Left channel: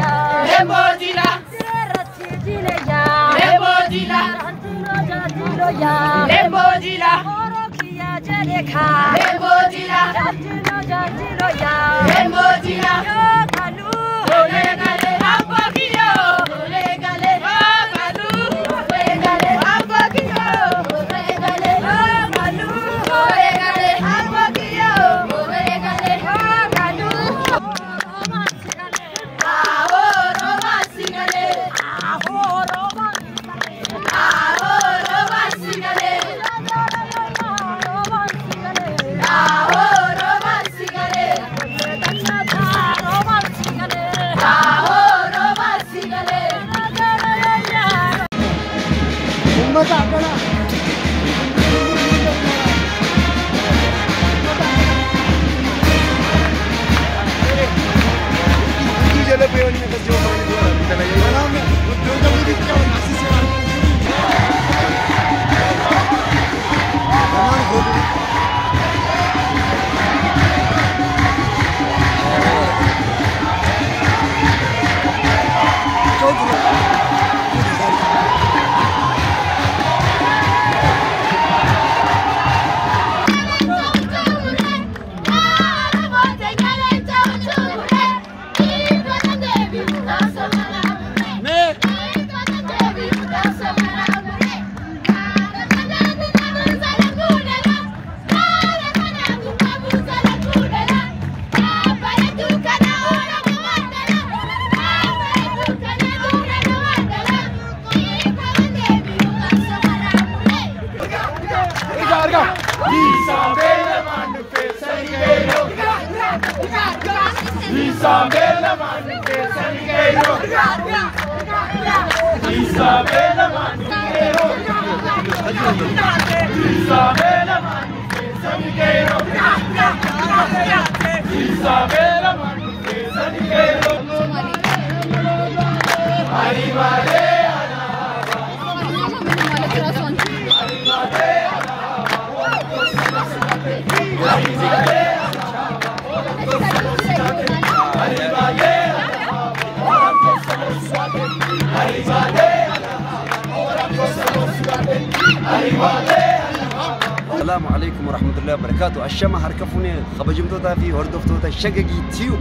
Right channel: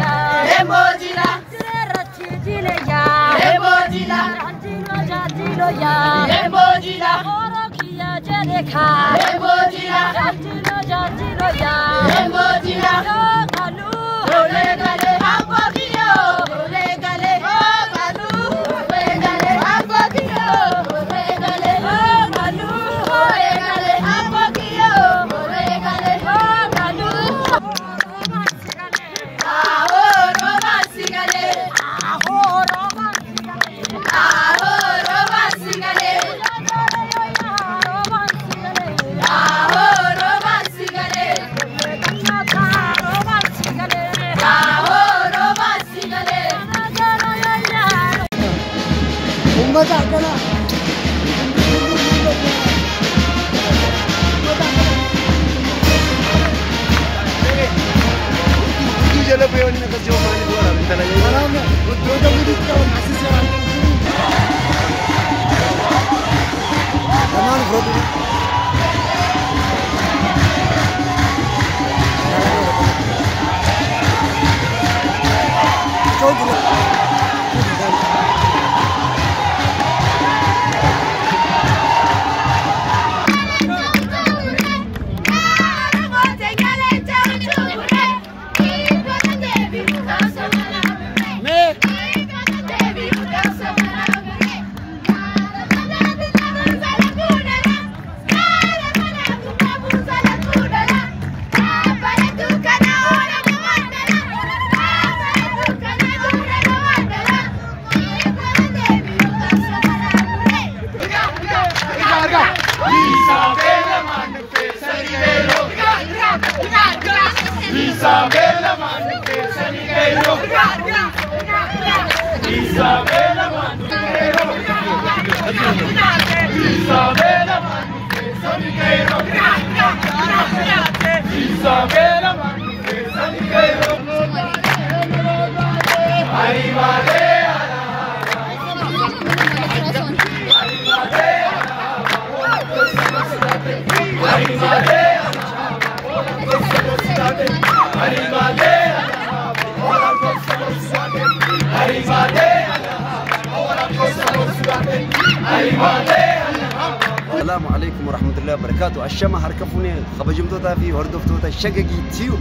ya. Lembojila. Rachijile ya. Lembojila. Rantilo jatilo ya. Lembojila. Orokia jedeka. Lembojila. Rantilo jatilo ya. Lembojila. Yo kalu. Ole gale hambo kiyo. Ole gale ho kalu. Ole gale hambo kiyo. Ole gale ho kalu. Ole gale hambo kiyo. Ole gale ho kalu. Aho romansigale. Aho romansigale. Aho romansigale. Aho romansigale. Aho romansigale. Isabella Manque Sanigueiro. Isabella Manqueiro. Isabella Manque Sanigueiro. Isabella Manque Sanigueiro. Arrivare. السلام عليكم ورحمة الله وبركاته. الشمع هركفوني خبجمتوتا في هردفتوتا شققي تيو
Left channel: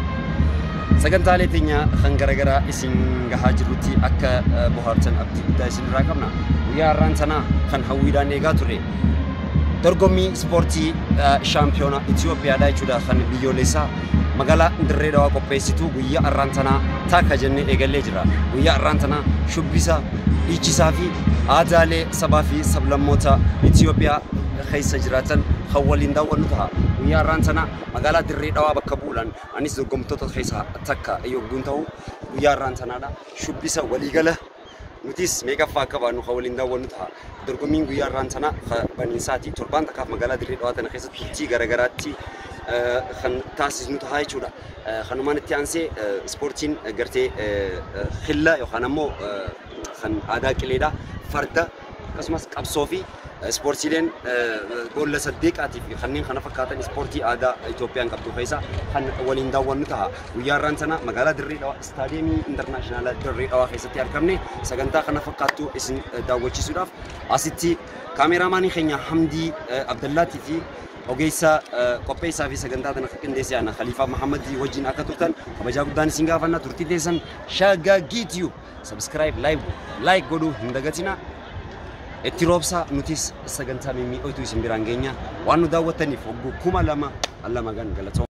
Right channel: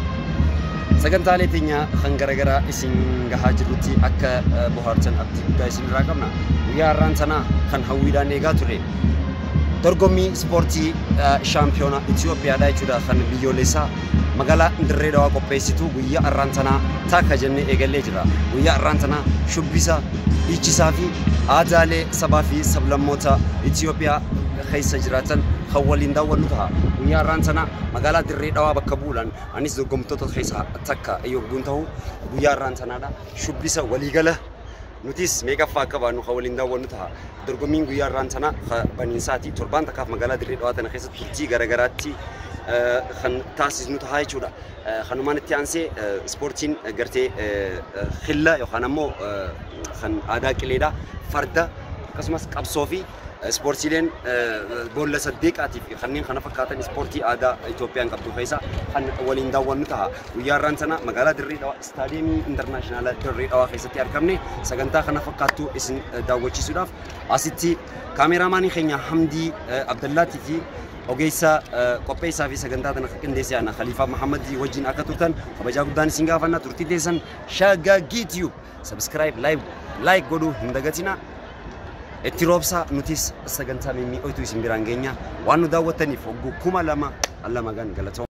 سكنت علي تينيا خنجرجرا إسين جهاجروتي أكا بوهارتن أبدي دايسين راكمنا ويا رانتنا خن هويدا نيجاتوري درغمي سبورتي شامبيونا إثيوبيا دايشودا خن بيوليسا مقالا ندريدوا قبيسيتو ويا رانتنا تاكا جنة إيجاليجرا ويا رانتنا شبيسا إيشيسافي آدالي سبافي سبلموتا إثيوبيا خيس جراتن خولين داونتها ويا رانتنا مقالا دريدوا بكبولان أنيس درغمتوتا خيسا تاكا أيوب بنتو ويا رانتنا دا شبيسا وليغالا نوتيس ميجا فاكا بانو خولين داونتها درغمين ويا رانتنا بنينساتي تربان تكاف مقالا دريدوا تنا خيسا ترتي غرغراتي خن تاسيس نوتهاي شودا خنومان التيانسي سبورتين قرتي خلا يخانمو خن آداك ليدا فردا قسمس قبصوفي سبورتيلين قول لصديق عتيفي خنين خنا فكاتن سبورتي آدا إثيوبيان قبضو خيسا خن ولين داون نتها ويا رانتنا مقالة دريدوا استاديمي انترناشنال دريدوا خيسا تيار كمني سكنتا خنا فكاتو اسم داوتشي سوداف أسيتي كاميراماني خينيا حمدي عبد الله تيفي أوجيسا قبيسا في سكنتا تنا كنديسي أنا خليفة محمد وجين أكتوتن خبجاكو دان سينغافنا ترتي ديسن شاغا جيتيو سبسكرايب لايك قدو هندقتنا اتروبسا نوتيس سكنتا ميمي أوتو اسم برانجينيا وانو داوتني فوقو كوما لما الله مغان غلطو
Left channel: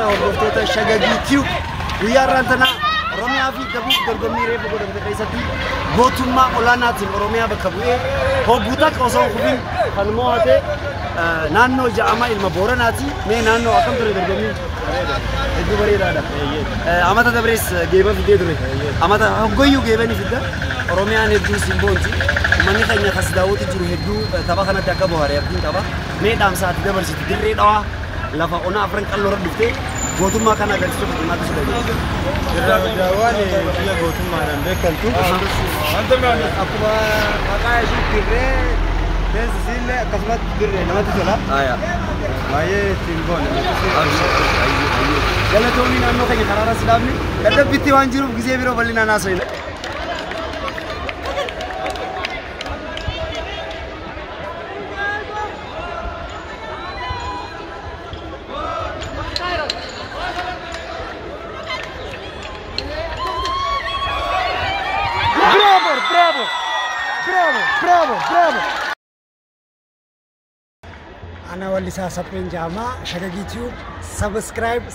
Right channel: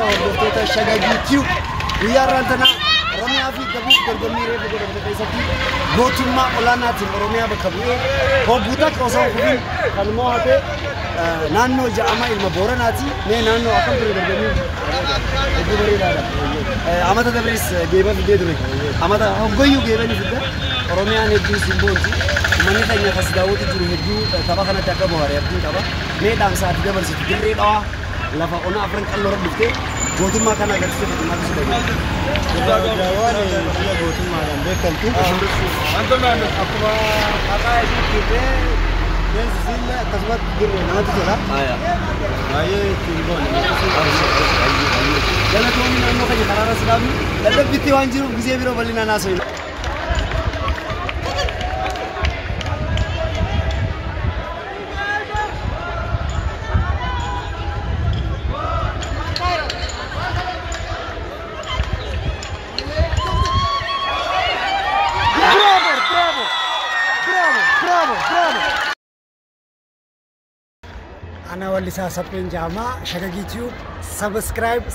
Hordoftoota Shagagii Tube guyyaa irraan tana Oromiyaa fi Dabuuf dorgommii reefu godhamte keessatti gootummaa olaanaatiin Oromiyaa bakka bu'ee hogguutaa osoo hin kan mo'ate naannoo ja'ama ilma Booranaati. Mee naannoo akkam ture dorgommii? Hedduu bareedaadha. Amata Dabrees geeba fidee ture. Amata hoggoyyuu geebanii fidda. Oromiyaan hedduu simboonti. Uummanni keenya kas daawwatu jiru hedduu tapha kanatti akka bohaaree abdiin qaba. Mee dhaamsaati dabarsitu dirree dhawaa lafa onaa afran qalloora dhuftee gootummaa kana agarsiisuuf maaltu si dhageessa? Daawwaan biyya gootummaadhaan beekamtu. Akkuma maqaa ishee dirree beensisiillee akkasumas dirree namatti tola. Baay'ee ittiin boona. Galatoonni naannoo keenya karaarra sidaafne dadhabbitti waan jiruuf gisee biroo bal'inaan haasofna. Ana wallisaa Sapheen Jaamaa Shagagii Tube subscribe.